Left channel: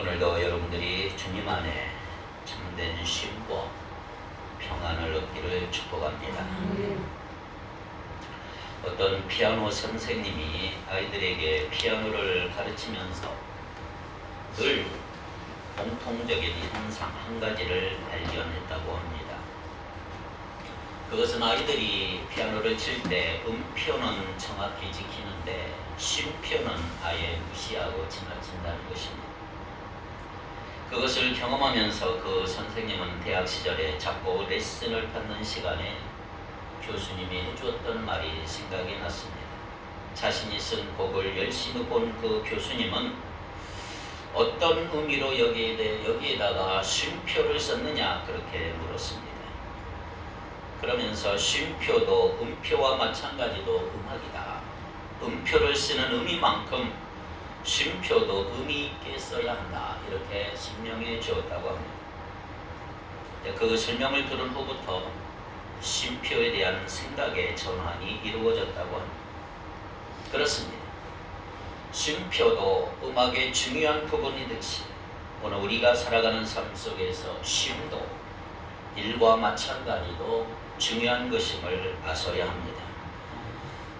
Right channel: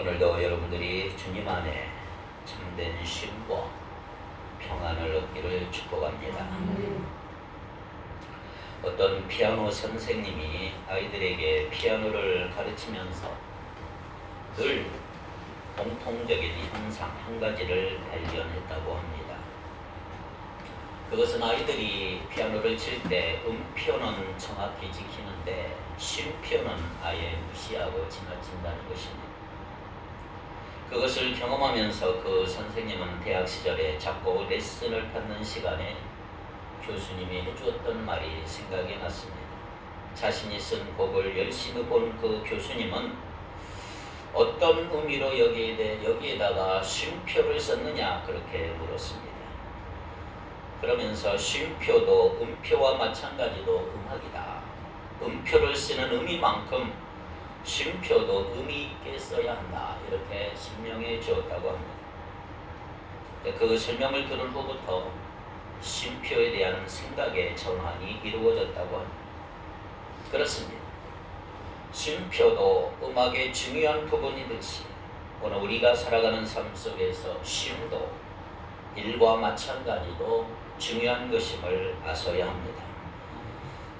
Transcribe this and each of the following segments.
오늘도 여러분들이 주님 안에 참된 쉼과 평안을 얻기를 축복합니다. 어떤 피아노 선생님이 아이들에게 피아노를 가르치면서 늘 공통적인 현상 한 가지를 발견했다고 합니다. 그것은 아이들이 피아노를 칠 때 음표는 정확히 지키는데 쉼표는 아예 무시하고 지나친다는 것입니다. 그것을 경험하면서 그 선생님은 대학 시절에 작곡 레슨을 받는 시간에 교수님이 해주었던 말이 생각이 났습니다. 자신이 쓴 곡을 열심히 본 그 교수님은 어떤 의미로 여기에다가 쉼표를 썼느냐 그렇게 물었습니다. 그러면서 쉼표도 음표와 마찬가지로 음악이다. 음표를 쓰는 의미만큼 쉼표도 의미 있게 써야 한다. 이렇게 설명해 주었다고 합니다. 그 설명을 들은 후부터 쉼표에 대한 생각의 전환이 이루어졌다고 합니다. 그렇습니다. 쉼표도 음악의 중요한 부분이듯이 오늘 우리가 살아가는 삶 속에서 쉼도 일과 마찬가지로 중요한 것임을 아셔야 합니다.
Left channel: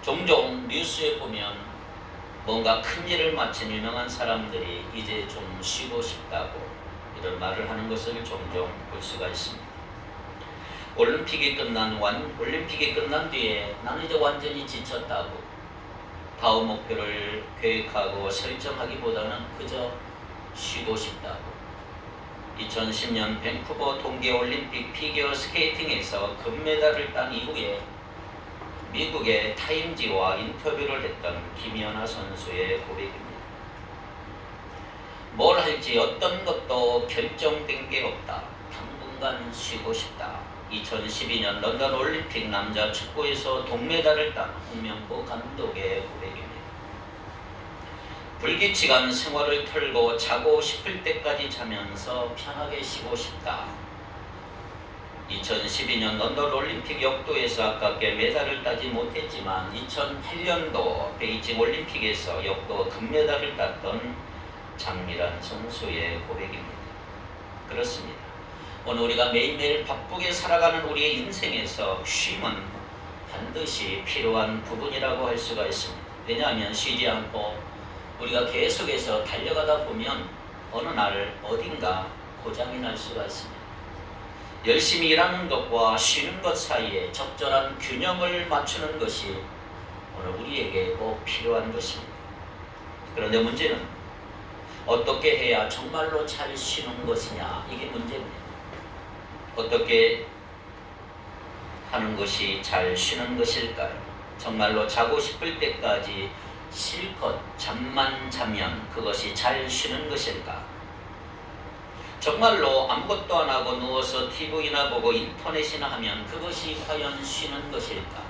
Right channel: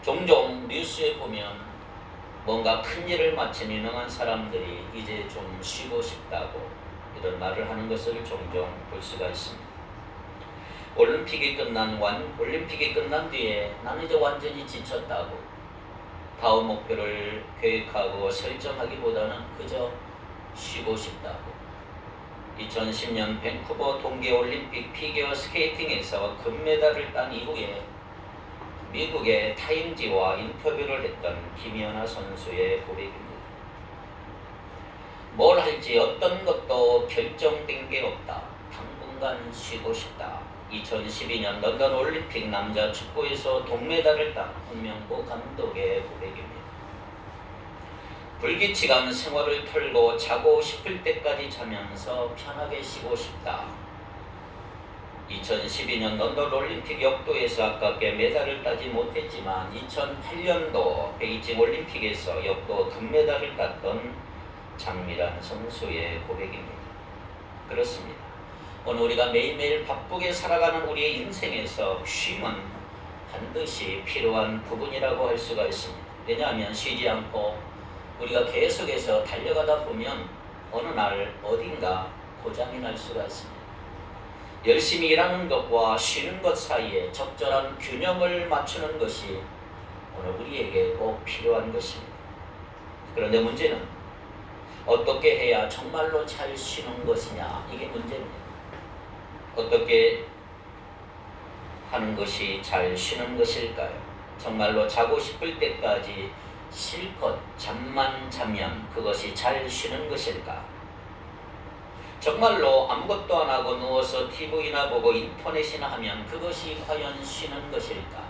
종종 뉴스에 보면 뭔가 큰 일을 마친 유명한 사람들이 이제 좀 쉬고 싶다고 이런 말을 하는 것을 종종 볼 수가 있습니다. 올림픽이 끝난 뒤에 나는 이제 완전히 지쳤다고 다음 목표를 계획하고 설정하기보다는 그저 쉬고 싶다고 2010년 밴쿠버 동계올림픽 피겨 스케이팅에서 금메달을 딴 이후에 미국의 타임지와 인터뷰를 했던 김연아 선수의 고백입니다. 뭘 할지 어떤 것도 결정된 게 없다. 당분간 쉬고 싶다. 2012년 런던 올림픽 남자 축구에서 동메달을 딴 홍명보 감독의 고백입니다. 불규칙한 생활을 털고 자고 싶을 때까지 자면서 편하게 쉬고 싶다. 2012년 런던 올림픽 역도에서 아깝게 메달을 따지 못했지만 2008년도 베이징 올림픽에서 역도 금메달을 땄던 장미란 선수의 고백입니다. 그렇습니다. 오늘 우리가 매일매일 바쁘게 살아가는 우리의 인생에서 쉼은 반드시 필요한 부분이라고 할 수가 있습니다. 왜냐하면 쉬지 않고 우리가 계속해서 달려가다 보면 어느 날 어딘가 고장이 날 수가 있습니다. 열심히 일하는 것과 쉬는 것 사이에 적절한 균형을 맞추는 것이 오늘 우리에게 꼭 필요한 것입니다. 그런데 문제는 어떻게 해야 정말로 잘 쉬는 것이냐, 이게 문제입니다. 어떻게 하는 것이 잘 쉬는 것일까요? 정말로 자고 싶을 때까지 실컷 잠만 자면 그것이 잘 쉬는 것일까? 정말로 아무것도 안 하고 누워서 TV나 보고 인터넷이나 하면 그것이 과연 쉬는 것일까?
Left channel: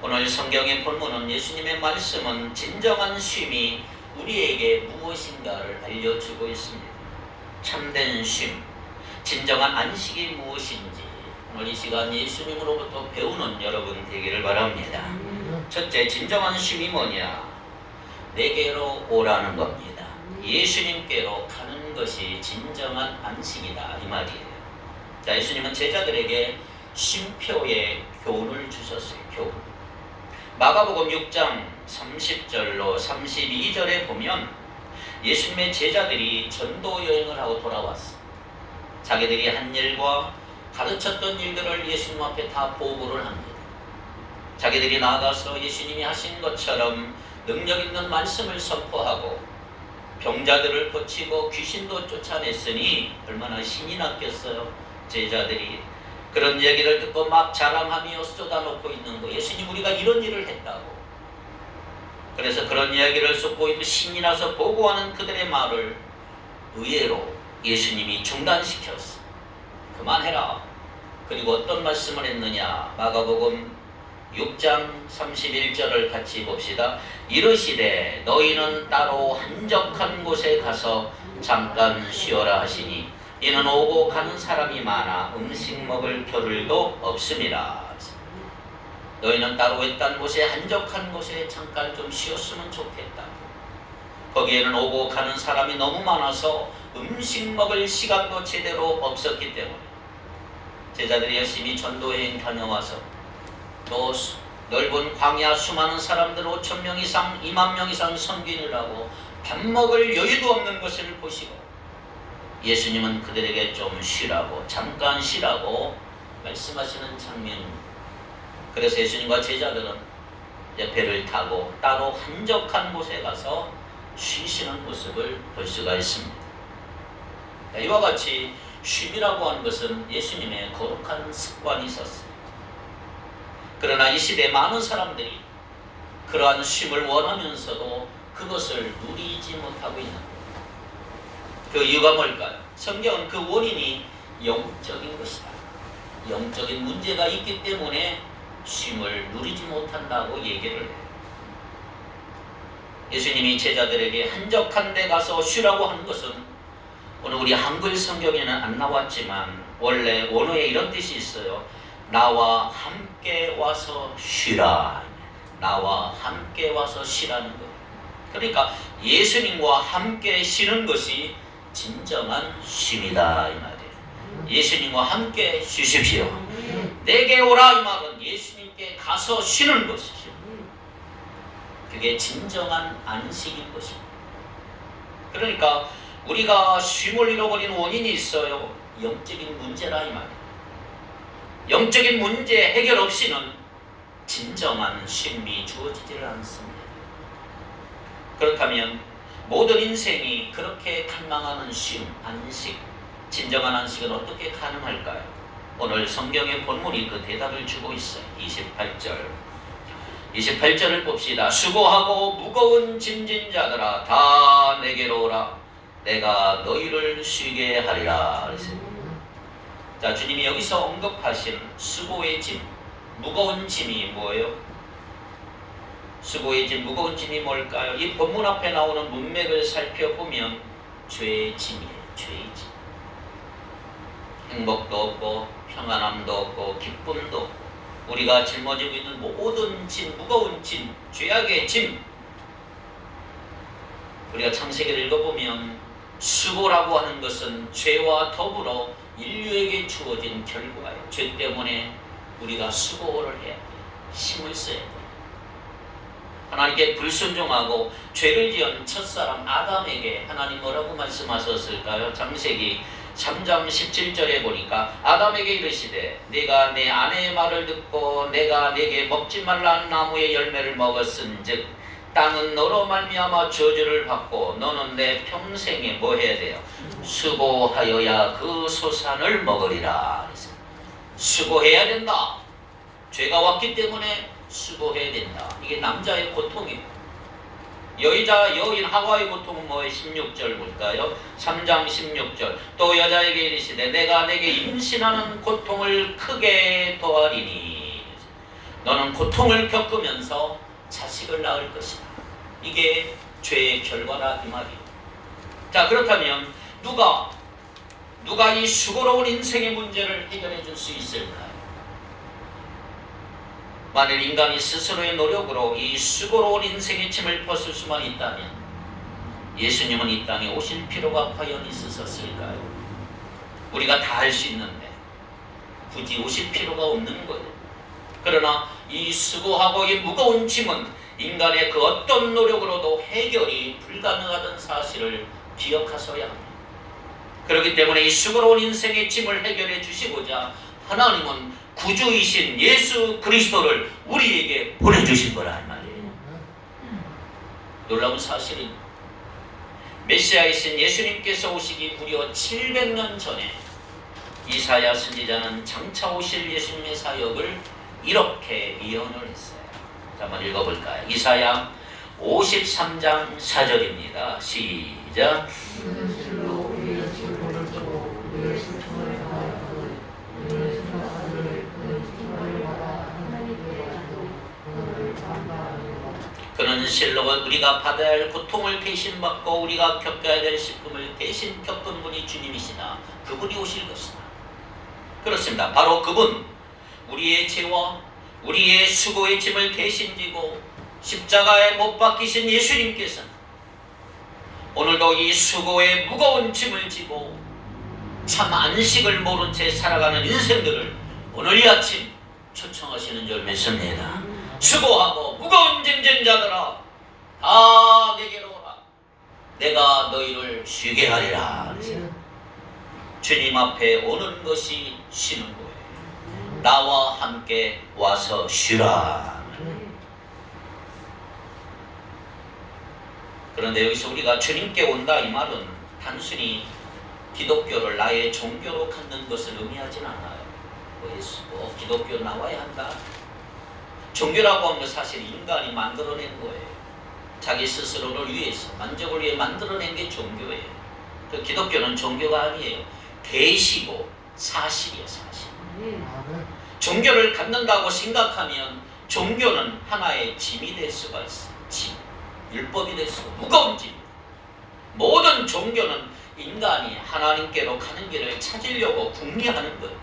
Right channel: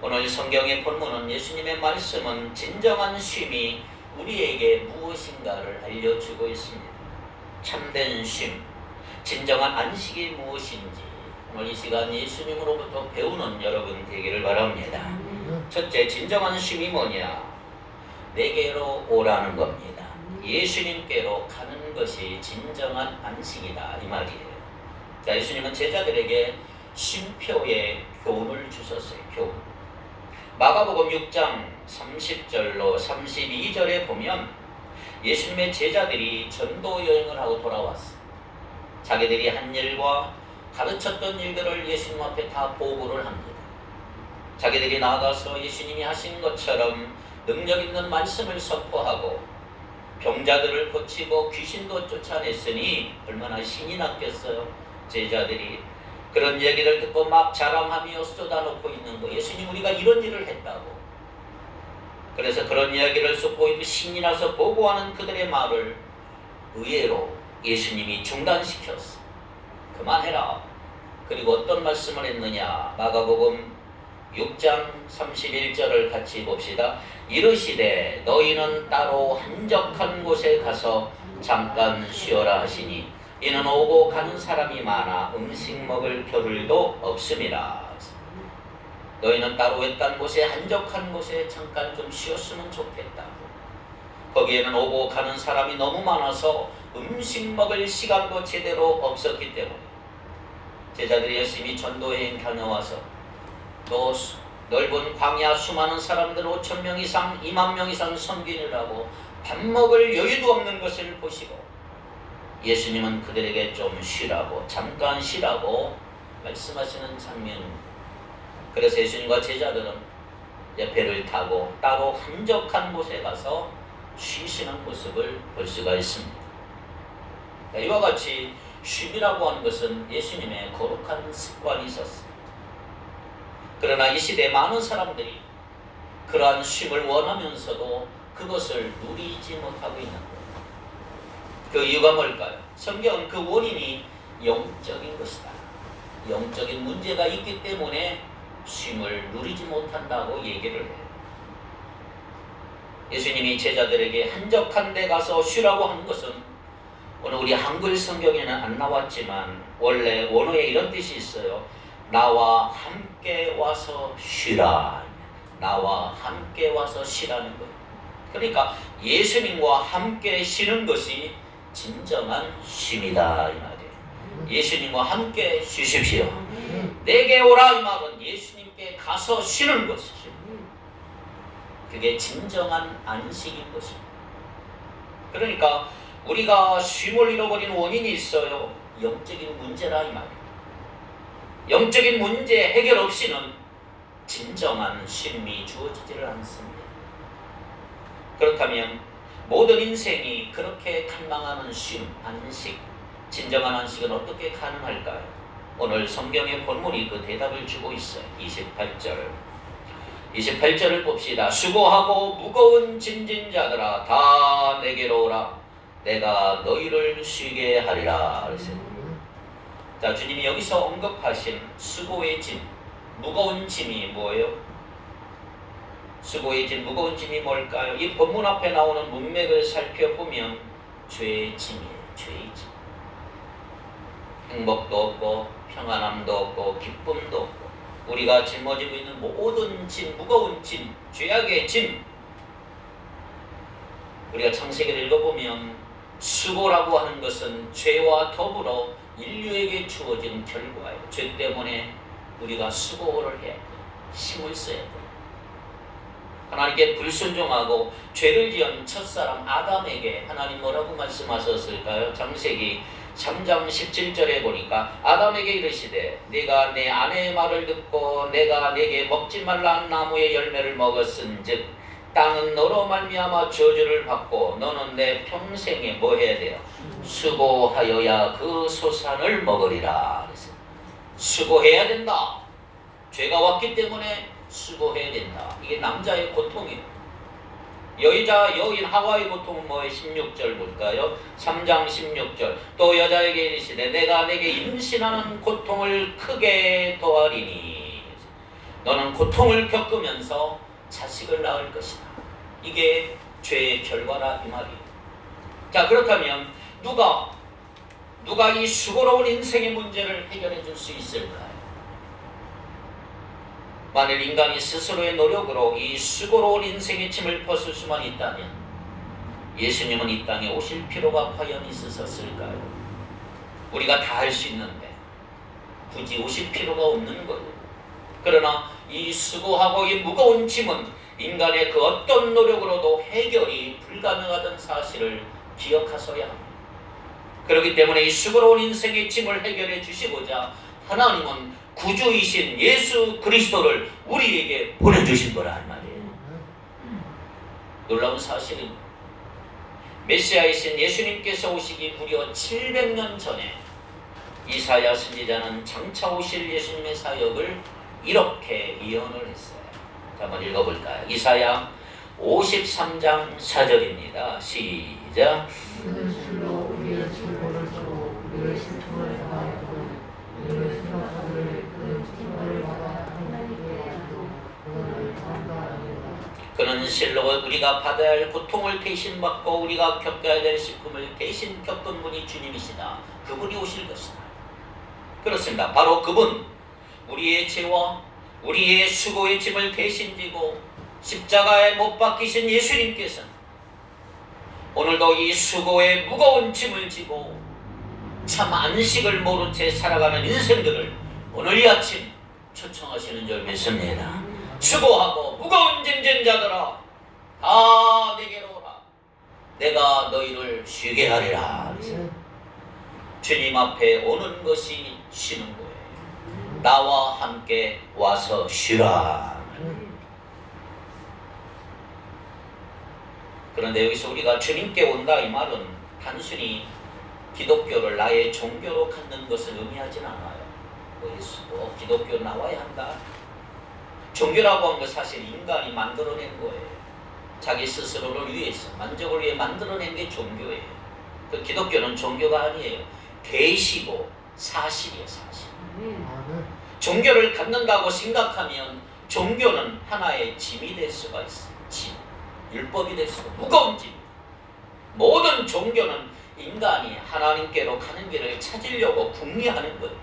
오늘 성경의 본문은 예수님의 말씀은 진정한 쉼이 우리에게 무엇인가를 알려주고 있습니다. 참된 쉼, 진정한 안식이 무엇인지 오늘 이 시간 예수님으로부터 배우는 여러분 되기를 바랍니다. 첫째, 진정한 쉼이 뭐냐? 내게로 오라는 겁니다. 예수님께로 가는 것이 진정한 안식이다, 이 말이에요. 자, 예수님은 제자들에게 쉼표의 교훈을 주셨어요. 교훈. 마가복음 6장 30절로 32절에 보면 예수님의 제자들이 전도 여행을 하고 돌아왔어요. 자기들이 한 일과 가르쳤던 일들을 예수님 앞에 다 보고를 합니다. 자기들이 나아가서 예수님이 하신 것처럼 능력 있는 말씀을 선포하고 병자들을 고치고 귀신도 쫓아냈으니 얼마나 신이 났겠어요. 제자들이 그런 얘기를 듣고 막 자랑하며 쏟아놓고 있는 거. 예수님, 우리가 이런 일을 했다고. 그래서 그런 이야기를 쏟고 신이 나서 보고하는 그들의 말을 의외로 예수님이 중단시켰어. 그만해라. 그리고 어떤 말씀을 했느냐? 마가복음 6장 31절을 같이 봅시다. 이르시되 너희는 따로 한적한 곳에 가서 잠깐 쉬어라 하시니 이는 오고 가는 사람이 많아 음식 먹을 겨를도 없음이라. 너희는 따로 외딴 곳에 한적한 곳에 잠깐 좀 쉬었으면 좋겠다고. 거기에는 오고 가는 사람이 너무 많아서 음식 먹을 시간도 제대로 없었기 때문에 제자들이 열심히 전도여행 다녀와서 또 넓은 광야 수많은 사람들 5,000명 이상 2만 명 이상 섬기느라고 밥 먹을 여유도 없는 것을 보시고 예수님은 그들에게 좀 쉬라고 잠깐 쉬라고 말씀하시는 장면입니다. 그래서 예수님과 제자들은 이제 배를 타고 따로 한적한 곳에 가서 쉬시는 모습을 볼 수가 있습니다. 이와 같이 쉼이라고 하는 것은 예수님의 거룩한 습관이 있었습니다. 그러나 이 시대에 많은 사람들이 그러한 쉼을 원하면서도 그것을 누리지 못하고 있는 거예요. 그 이유가 뭘까요? 성경은 그 원인이 영적인 것이다. 영적인 문제가 있기 때문에 쉼을 누리지 못한다고 얘기를 해요. 예수님이 제자들에게 한적한 데 가서 쉬라고 하는 것은 오늘 우리 한글 성경에는 안 나왔지만 원래 원어에 이런 뜻이 있어요. 나와 함께 와서 쉬라. 나와 함께 와서 쉬라는 거예요. 그러니까 예수님과 함께 쉬는 것이 진정한 쉼이다 이 말이에요. 예수님과 함께 쉬십시오. 내게 오라 이 말은 예수님께 가서 쉬는 것이죠. 그게 진정한 안식인 것입니다. 그러니까 우리가 쉼을 잃어버리는 원인이 있어요. 영적인 문제라 이 말이에요. 영적인 문제 해결 없이는 진정한 쉼이 주어지지를 않습니다. 그렇다면 모든 인생이 그렇게 갈망하는 쉼, 안식, 진정한 안식은 어떻게 가능할까요? 오늘 성경의 본문이 그 대답을 주고 있어요. 28절을 봅시다. 수고하고 무거운 짐진 자들아 다 내게로 오라. 내가 너희를 쉬게 하리라. 자, 주님이 여기서 언급하신 수고의 짐, 무거운 짐이 뭐예요? 수고의 짐, 무거운 짐이 뭘까요? 이 본문 앞에 나오는 문맥을 살펴보면 죄의 짐이에요. 죄의 짐. 행복도 없고 평안함도 없고 기쁨도 없고 우리가 짊어지고 있는 모든 짐, 무거운 짐, 죄악의 짐. 우리가 창세기를 읽어보면 수고라고 하는 것은 죄와 더불어 인류에게 주어진 결과예요. 죄 때문에 우리가 수고를 해 힘을 써야 돼요. 하나님께 불순종하고 죄를 지은 첫사람 아담에게 하나님 뭐라고 말씀하셨을까요? 창세기 3장 17절에 보니까 아담에게 이르시되 네가 내 아내의 말을 듣고 내가 네게 먹지 말라는 나무의 열매를 먹었은즉 땅은 너로 말미암아 저주를 받고 너는 내 평생에 뭐 해야 돼요? 수고하여야 그 소산을 먹으리라. 수고해야 된다. 죄가 왔기 때문에 수고해야 된다. 이게 남자의 고통이에요. 여인 하와의 고통은 뭐예요? 16절 볼까요? 3장 16절 또 여자에게 이르시되 내가 내게 임신하는 고통을 크게 더하리니 너는 고통을 겪으면서 자식을 낳을 것이다. 이게 죄의 결과라 이 말이에요. 자, 그렇다면 누가 이 수고로운 인생의 문제를 해결해 줄 수 있을까요? 만일 인간이 스스로의 노력으로 이 수고로운 인생의 짐을 벗을 수만 있다면 예수님은 이 땅에 오실 필요가 과연 있었을까요? 우리가 다 할 수 있는데 굳이 오실 필요가 없는 거예요. 그러나 이 수고하고 이 무거운 짐은 인간의 그 어떤 노력으로도 해결이 불가능하다는 사실을 기억하셔야 합니다. 그렇기 때문에 이 수고로운 인생의 짐을 해결해 주시고자 하나님은 구주이신 예수 그리스도를 우리에게 보내주신 거라 말이에요. 놀라운 사실은 메시아이신 예수님께서 오시기 무려 700년 전에 이사야 선지자는 장차 오실 예수님의 사역을 이렇게 예언을 했어요. 자, 한번 읽어볼까요? 이사야 53장 4절입니다. 시작. 그는 실로 우리가 받아야 할 고통을 대신 받고 우리가 겪어야 될 슬픔을 대신 겪은 분이 주님이시다. 그분이 오실 것이다. 그렇습니다. 바로 그분, 우리의 죄와 우리의 수고의 짐을 대신 지고 십자가에 못 박히신 예수님께서는 오늘도 이 수고의 무거운 짐을 지고 참 안식을 모른 채 살아가는 인생들을 오늘 이 아침 초청하시는 줄 믿습니다. 수고하고 무거운 짐진 자들아 다 내게로 오라. 내가 너희를 쉬게 하리라. 주님 앞에 오는 것이 쉬는 거예요. 나와 함께 와서 쉬라. 그런데 여기서 우리가 주님께 온다 이 말은 단순히 기독교를 나의 종교로 갖는 것을 의미하진 않아요. 기독교 나와야 한다. 종교라고 하는 건 사실 인간이 만들어낸 거예요. 자기 스스로를 위해서 만족을 위해 만들어낸 게 종교예요. 그 기독교는 종교가 아니에요. 계시고 사실이에요. 사실. 종교를 갖는다고 생각하면 종교는 하나의 짐이 될 수가 있어요. 짐. 율법이 될 수가 무거운 짐. 모든 종교는 인간이 하나님께로 가는 길을 찾으려고 궁리하는 거예요.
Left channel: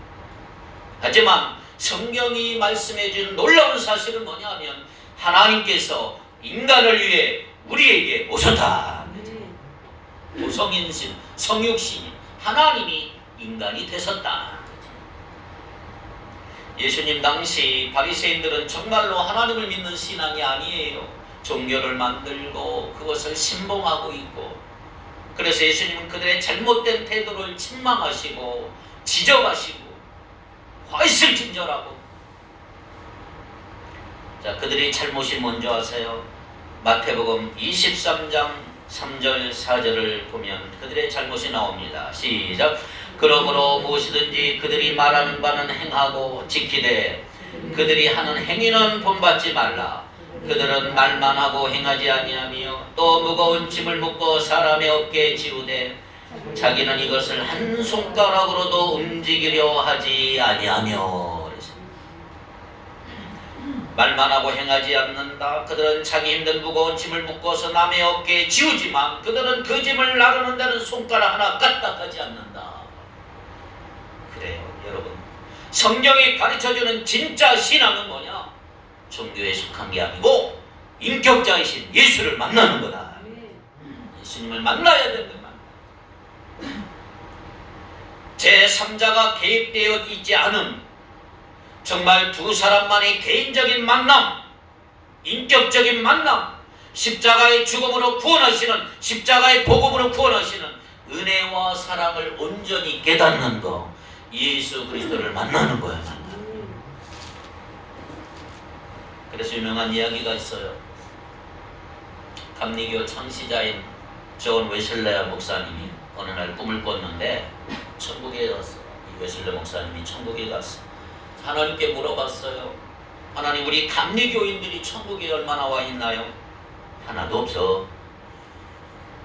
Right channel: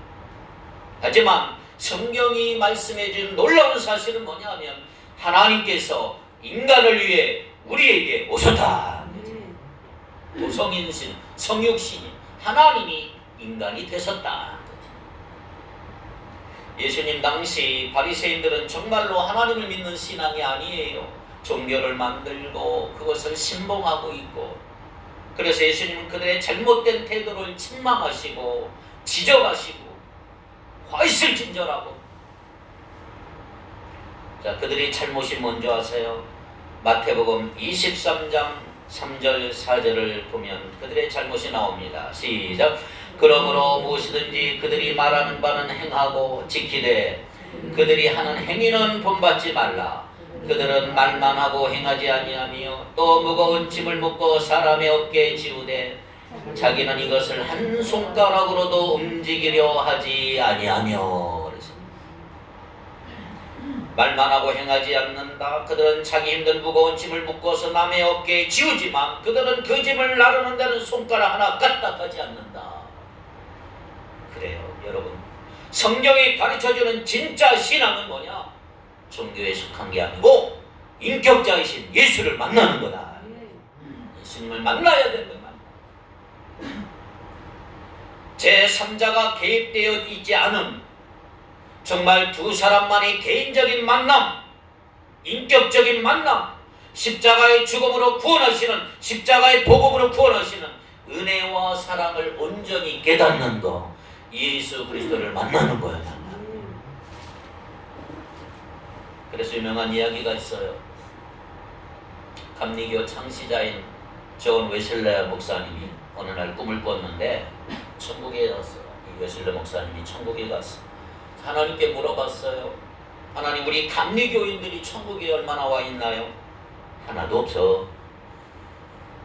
하지만 성경이 말씀해 준 놀라운 사실은 뭐냐면 하나님께서 인간을 위해 우리에게 오셨다. 성인신, 성육신이 하나님이 인간이 되셨다. 예수님 당시 바리새인들은 정말로 하나님을 믿는 신앙이 아니에요. 종교를 만들고 그것을 신봉하고 있고, 그래서 예수님은 그들의 잘못된 태도를 책망하시고 지적하시고 화있을 진절하고. 자, 그들이 잘못이 뭔지 아세요? 마태복음 23장 3절 4절을 보면 그들의 잘못이 나옵니다. 시작. 그러므로 무엇이든지 그들이 말하는 바는 행하고 지키되 그들이 하는 행위는 본받지 말라. 그들은 말만 하고 행하지 아니하며 또 무거운 짐을 묶어 사람의 어깨에 지우되 자기는 이것을 한 손가락으로도 움직이려 하지 아니하며. 말만 하고 행하지 않는다. 그들은 자기 힘든 무거운 짐을 묶어서 남의 어깨에 지우지만 그들은 그 짐을 나르는 데는 손가락 하나 까딱하지 않는다. 그래요 여러분, 성경이 가르쳐주는 진짜 신앙은 뭐냐? 종교에 속한 게 아니고 인격자이신 예수를 만나는 거다. 예수님을 만나야 되는 거다. 제3자가 개입되어 있지 않은 정말 두 사람만의 개인적인 만남, 인격적인 만남, 십자가의 죽음으로 구원하시는, 십자가의 복음으로 구원하시는 은혜와 사랑을 온전히 깨닫는 거, 예수 그리스도를 만나는 거예요. 그래서 유명한 이야기가 있어요. 감리교 창시자인 존 웨슬레 목사님이 어느 날 꿈을 꿨는데 천국에 갔어요. 이 웨슬레 목사님이 천국에 갔어요. 하나님께 물어봤어요. 하나님, 우리 감리교인들이 천국에 얼마나 와 있나요? 하나도 없어.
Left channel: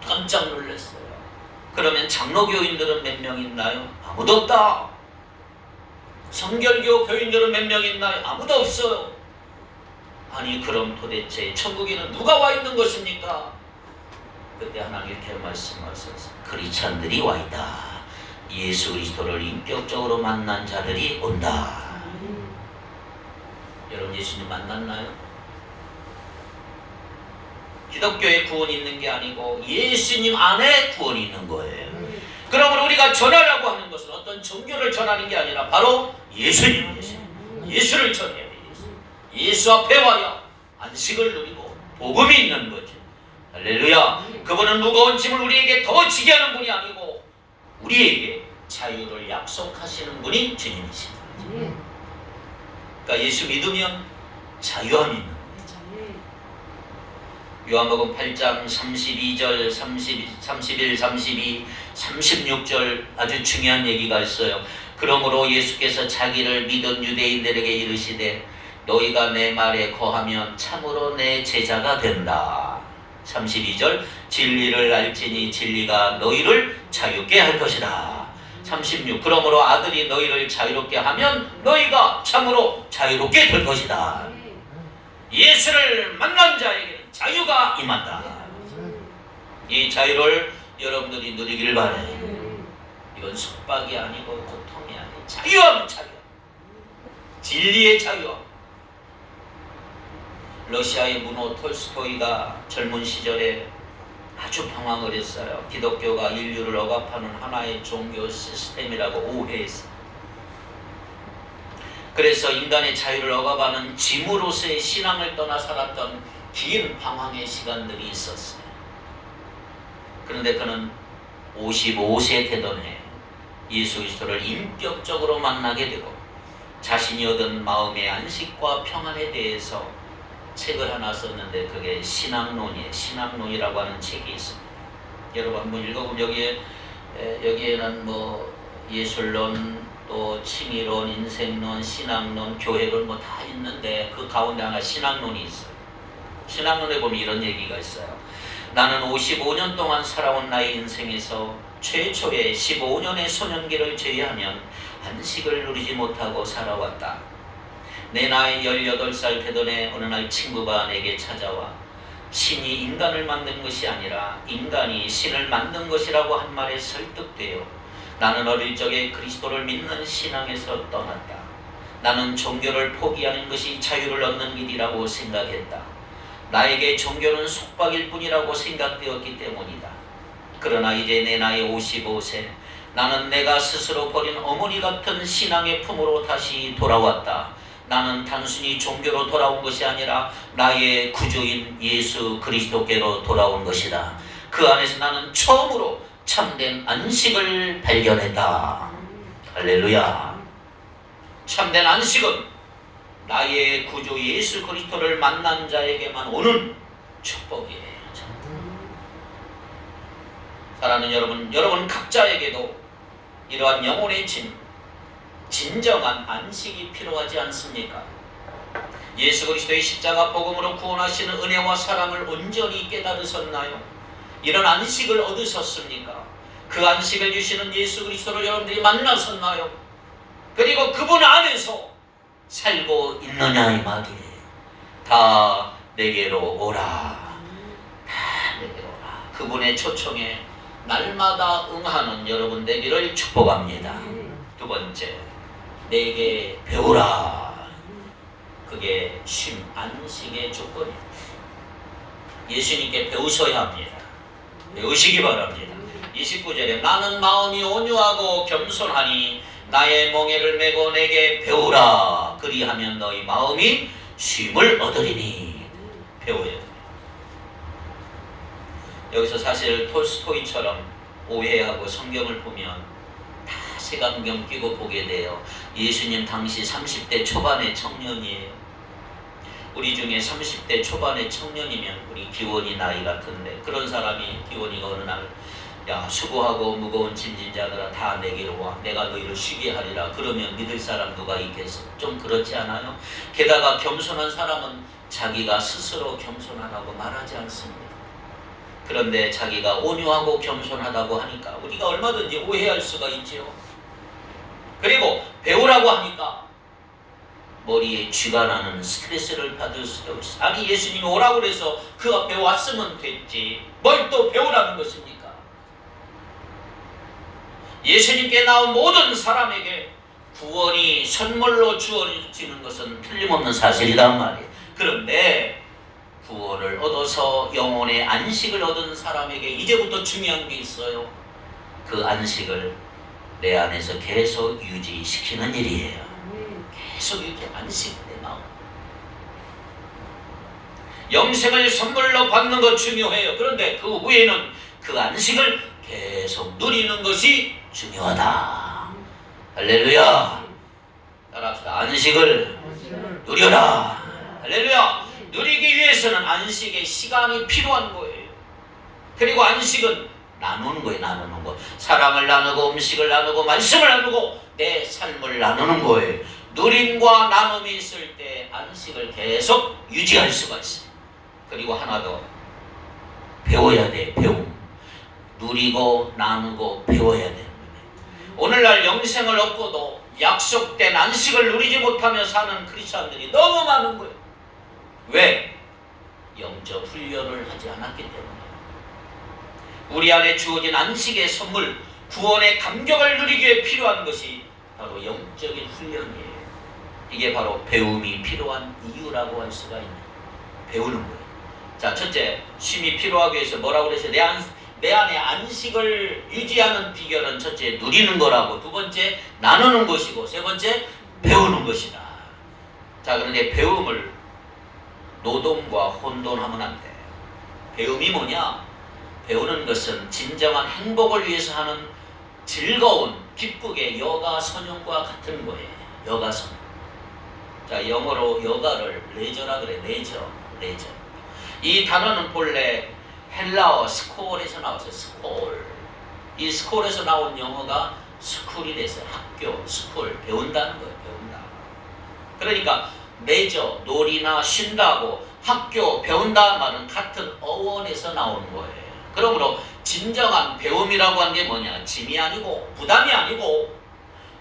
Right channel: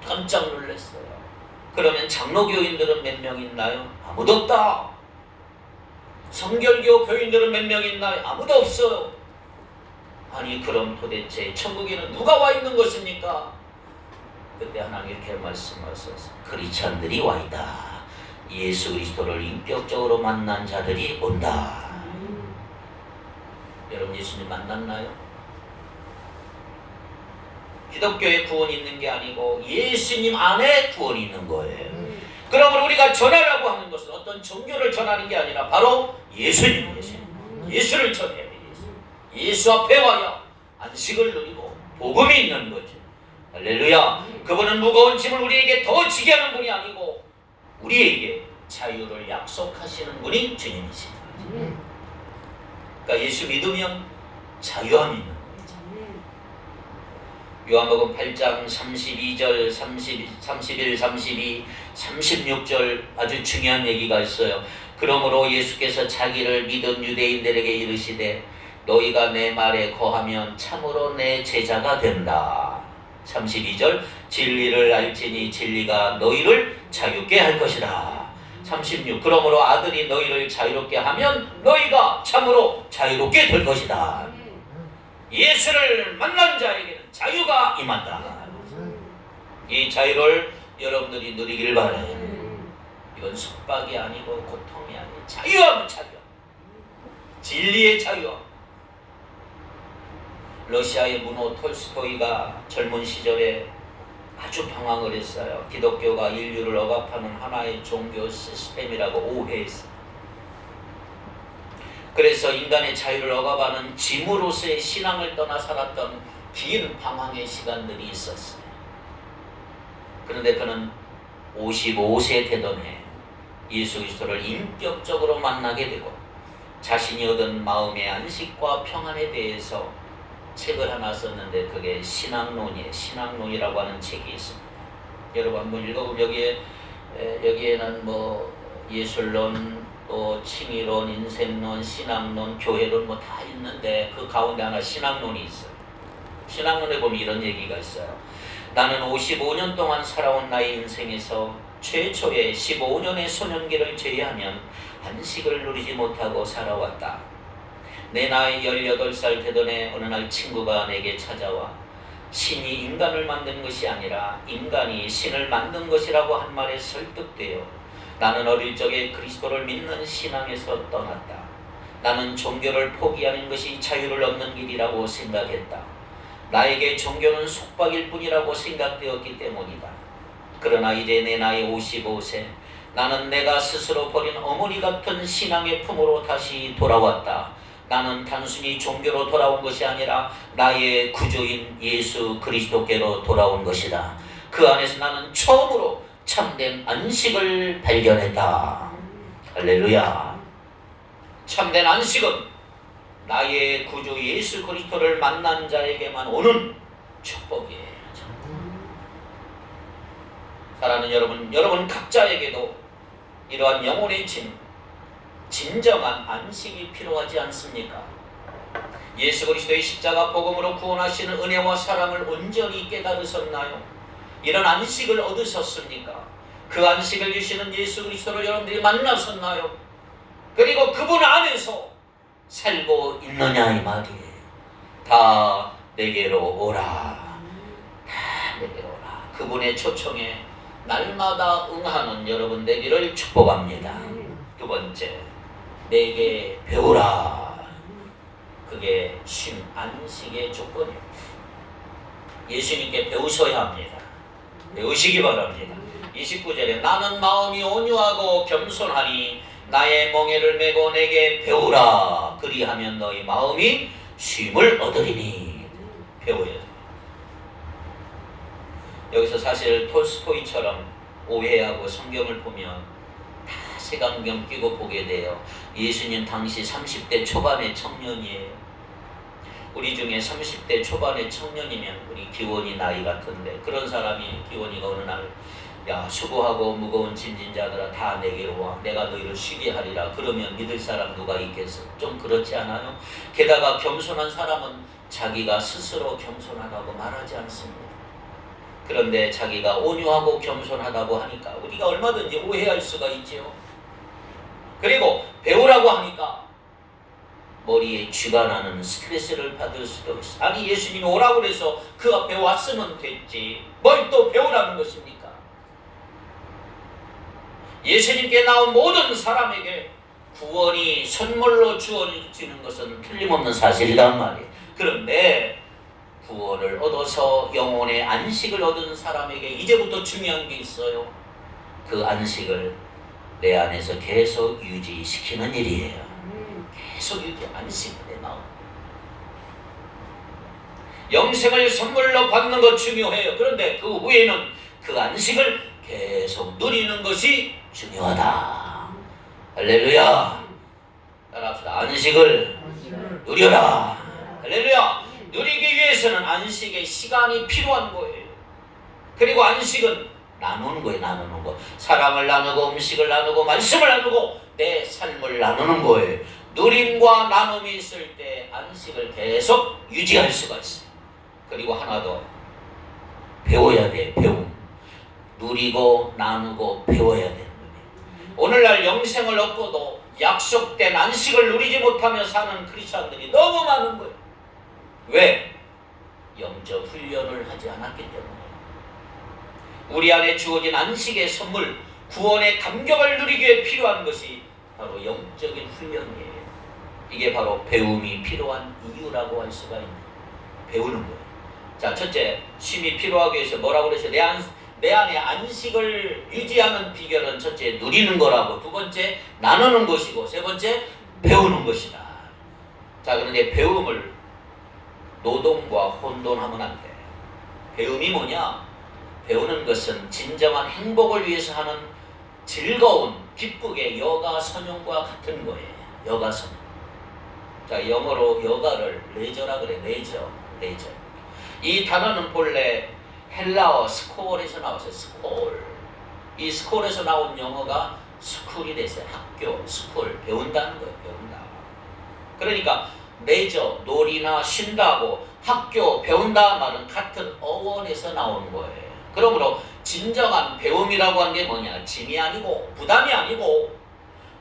깜짝 놀랐어요. 그러면 장로교인들은 몇 명 있나요? 아무도 없다. 성결교 교인들은 몇 명 있나요? 아무도 없어요. 아니 그럼 도대체 천국에는 누가 와 있는 것입니까? 그때 하나님 이렇게 말씀하셨어요. 크리스찬들이 와 있다. 예수 그리스도를 인격적으로 만난 자들이 온다. 여러분 예수님 만났나요? 기독교에 구원이 있는 게 아니고 예수님 안에 구원이 있는 거예요. 그러면 우리가 전하라고 하는 것은 어떤 종교를 전하는 게 아니라 바로 예수님, 예수를 전해요. 예수 앞에 와야 안식을 누리고 복음이 있는 거죠. 할렐루야. 그분은 무거운 짐을 우리에게 더 지게 하는 분이 아니고 우리에게 자유를 약속하시는 분이 주님이십니다. 그러니까 예수 믿으면 자유함이 있는 거예요. 요한복음 8장 32절, 31, 32, 36절 아주 중요한 얘기가 있어요. 그러므로 예수께서 자기를 믿은 유대인들에게 이르시되 너희가 내 말에 거하면 참으로 내 제자가 된다. 32절 진리를 알지니 진리가 너희를 자유케 할 것이다. 36 그러므로 아들이 너희를 자유롭게 하면 너희가 참으로 자유롭게 될 것이다. 예수를 만난 자에게 자유가 임한다. 이 자유를 여러분들이 누리길 바라요. 이건 속박이 아니고 고통이 아니고 자유함, 자유. 진리의 자유. 러시아의 문호 톨스토이가 젊은 시절에 아주 방황을 했어요. 기독교가 인류를 억압하는 하나의 종교 시스템이라고 오해했어요. 그래서 인간의 자유를 억압하는 짐으로서의 신앙을 떠나 살았던 긴 방황의 시간들이 있었어요. 그런데 그는 55세 되던 해 예수 그리스도를 인격적으로 만나게 되고 자신이 얻은 마음의 안식과 평안에 대해서 책을 하나 썼는데 그게 신앙론이에요. 신앙론이라고 하는 책이 있습니다. 여러분 한번 읽어보면 여기에는 뭐 예술론, 또 칭의론, 인생론, 신앙론, 교회론 뭐 다 있는데 그 가운데 하나 신앙론이 있어요. 신앙론에 보면 이런 얘기가 있어요. 나는 55년 동안 살아온 나의 인생에서 최초의 15년의 소년기를 제외하면 안식을 누리지 못하고 살아왔다. 내 나이 18살 되던 해 어느 날 친구가 내게 찾아와 신이 인간을 만든 것이 아니라 인간이 신을 만든 것이라고 한 말에 설득되어 나는 어릴 적에 그리스도를 믿는 신앙에서 떠났다. 나는 종교를 포기하는 것이 자유를 얻는 길이라고 생각했다. 나에게 종교는 속박일 뿐이라고 생각되었기 때문이다. 그러나 이제 내 나이 55세, 나는 내가 스스로 버린 어머니 같은 신앙의 품으로 다시 돌아왔다. 나는 단순히 종교로 돌아온 것이 아니라 나의 구주인 예수 그리스도께로 돌아온 것이다. 그 안에서 나는 처음으로 참된 안식을 발견했다. 할렐루야. 참된 안식은 나의 구주 예수 그리스도를 만난 자에게만 오는 축복이에요. 사랑하는 여러분 각자에게도 이러한 영혼의 진정한 안식이 필요하지 않습니까? 예수 그리스도의 십자가 복음으로 구원하시는 은혜와 사랑을 온전히 깨달으셨나요? 이런 안식을 얻으셨습니까? 그 안식을 주시는 예수 그리스도를 여러분들이 만나셨나요? 그리고 그분 안에서 살고 있느냐 이 말이에요. 다 내게로 오라. 다 내게로 오라. 그분의 초청에 날마다 응하는 여러분 되기를 축복합니다. 두 번째, 내게 배우라. 그게 쉼, 안식의 조건이에요. 예수님께 배우셔야 합니다. 배우시기 바랍니다. 29절에 나는 마음이 온유하고 겸손하니 나의 멍에를 메고 내게 배우라. 그리하면 너희 마음이 쉼을 얻으리니. 배워야 돼요. 여기서 사실 톨스토이처럼 오해하고 성경을 보면 다 색안경 끼고 보게 돼요. 예수님 당시 30대 초반의 청년이에요. 우리 중에 30대 초반의 청년이면 우리 기원이 나이 같은데 그런 사람이 기원이가 어느 날 야 수고하고 무거운 짐진 자들아 다 내게로 와 내가 너희를 쉬게 하리라. 그러면 믿을 사람 누가 있겠어? 좀 그렇지 않아요? 게다가 겸손한 사람은 자기가 스스로 겸손하다고 말하지 않습니다. 그런데 자기가 온유하고 겸손하다고 하니까 우리가 얼마든지 오해할 수가 있지요. 그리고 배우라고 하니까 머리에 쥐가 나는 스트레스를 받을 수도 있어. 아니 예수님이 오라고 그래서 그 앞에 왔으면 됐지 뭘 또 배우라는 것입니까? 예수님께 나온 모든 사람에게 구원이 선물로 주어지는 것은 틀림없는 사실이란 말이에요. 그런데 구원을 얻어서 영혼의 안식을 얻은 사람에게 이제부터 중요한 게 있어요. 그 안식을 내 안에서 계속 유지시키는 일이에요. 계속 유지, 안식, 내 마음. 영생을 선물로 받는 것 중요해요. 그런데 그 후에는 그 안식을 계속 누리는 것이 중요하다. 할렐루야. 따라합시다. 안식을 누려라. 할렐루야. 누리기 위해서는 안식의 시간이 필요한 거예요. 그리고 안식은 나누는 거예요. 나누는 거. 사랑을 나누고 음식을 나누고 말씀을 나누고 내 삶을 나누는 거예요. 누림과 나눔이 있을 때 안식을 계속 유지할 수가 있어요. 그리고 하나 더 배워야 돼. 배움. 누리고 나누고 배워야 됩니다. 오늘날 영생을 얻고도 약속된 안식을 누리지 못하며 사는 크리스찬들이 너무 많은 거예요. 왜? 영적 훈련을 하지 않았기 때문에. 우리 안에 주어진 안식의 선물, 구원의 감격을 누리기 위해 필요한 것이 바로 영적인 훈련이에요. 이게 바로 배움이 필요한 이유라고 할 수가 있네요. 배우는 거예요. 자, 첫째, 쉼이 필요하기 위해서 뭐라고 그랬어요? 내 안에 안식을 유지하는 비결은 첫째, 누리는 거라고. 두 번째, 나누는 것이고. 세 번째, 배우는 것이다. 자, 그런데 배움을 노동과 혼돈하면 안 돼. 배움이 뭐냐? 배우는 것은 진정한 행복을 위해서 하는 즐거운, 기쁘게 여가선용과 같은 거예요. 여가선용. 자, 영어로 여가를 레저라 그래. 레저. 이 단어는 본래 헬라어 스콜에서 나왔어요. 스콜. 이 스콜에서 나온 영어가 스쿨이 됐어요. 학교, 스쿨. 배운다는 거예요. 배운다. 그러니까 레저, 놀이나 쉰다고 학교, 배운다 말은 같은 어원에서 나오는 거예요. 그러므로 진정한 배움이라고 하는 게 뭐냐? 짐이 아니고 부담이 아니고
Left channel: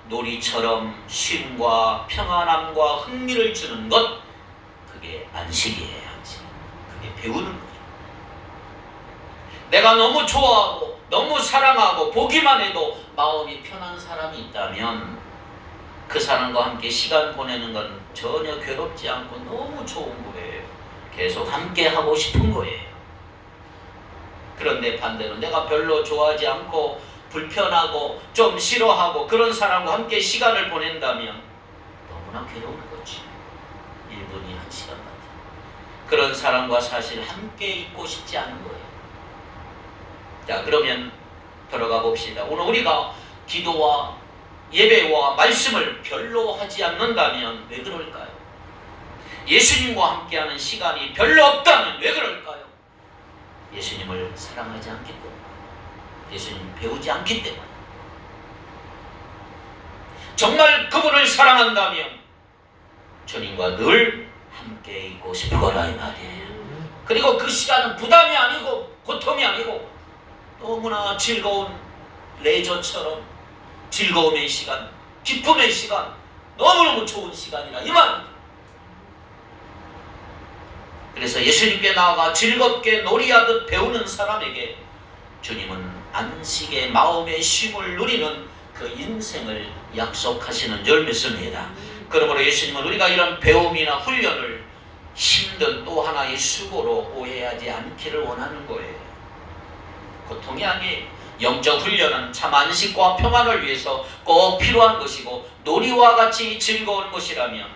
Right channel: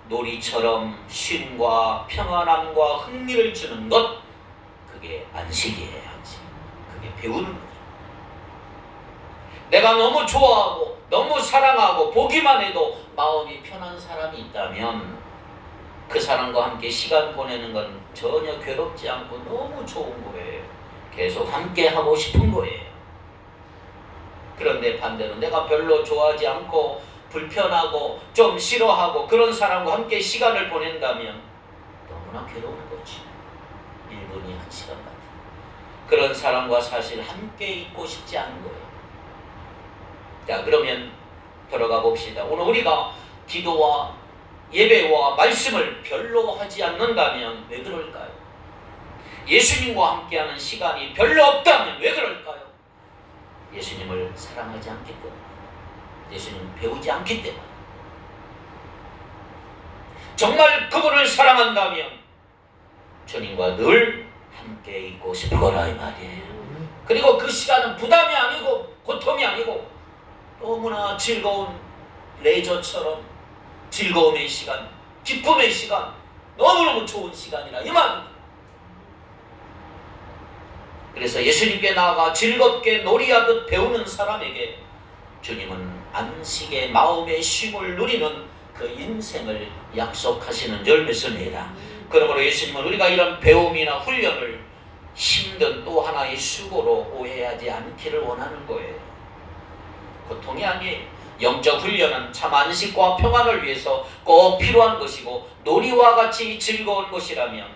놀이처럼 쉼과 평안함과 흥미를 주는 것, 그게 안식이에요. 안식. 그게 배우는 거예요. 내가 너무 좋아하고 너무 사랑하고 보기만 해도 마음이 편한 사람이 있다면 그 사람과 함께 시간 보내는 건 전혀 괴롭지 않고 너무 좋은 거예요. 계속 함께 하고 싶은 거예요. 그런데 반대로 내가 별로 좋아하지 않고 불편하고 좀 싫어하고 그런 사람과 함께 시간을 보낸다면 너무나 괴로운 거지. 1분이 1시간 같은. 그런 사람과 사실 함께 있고 싶지 않은 거예요. 자, 그러면 들어가 봅시다. 오늘 우리가 기도와 예배와 말씀을 별로 하지 않는다면 왜 그럴까요? 예수님과 함께하는 시간이 별로 없다면 왜 그럴까요? 예수님을 사랑하지 않기 때문에, 예수님을 배우지 않기 때문에. 정말 그분을 사랑한다면 주님과 늘 함께 있고 싶을 거라 이 말이에요. 그리고 그 시간은 부담이 아니고 고통이 아니고 너무나 즐거운 레저처럼 즐거움의 시간, 기쁨의 시간, 너무너무 좋은 시간이라 이 말입니다. 그래서 예수님께 나아가 즐겁게 놀이하듯 배우는 사람에게 주님은 안식의 마음의 쉼을 누리는 그 인생을 약속하시는 줄 믿습니다. 그러므로 예수님은 우리가 이런 배움이나 훈련을 힘든 또 하나의 수고로 오해하지 않기를 원하는 거예요. 고통이 아니에요. 영적 훈련은 참 안식과 평안을 위해서 꼭 필요한 것이고 놀이와 같이 즐거운 것이라면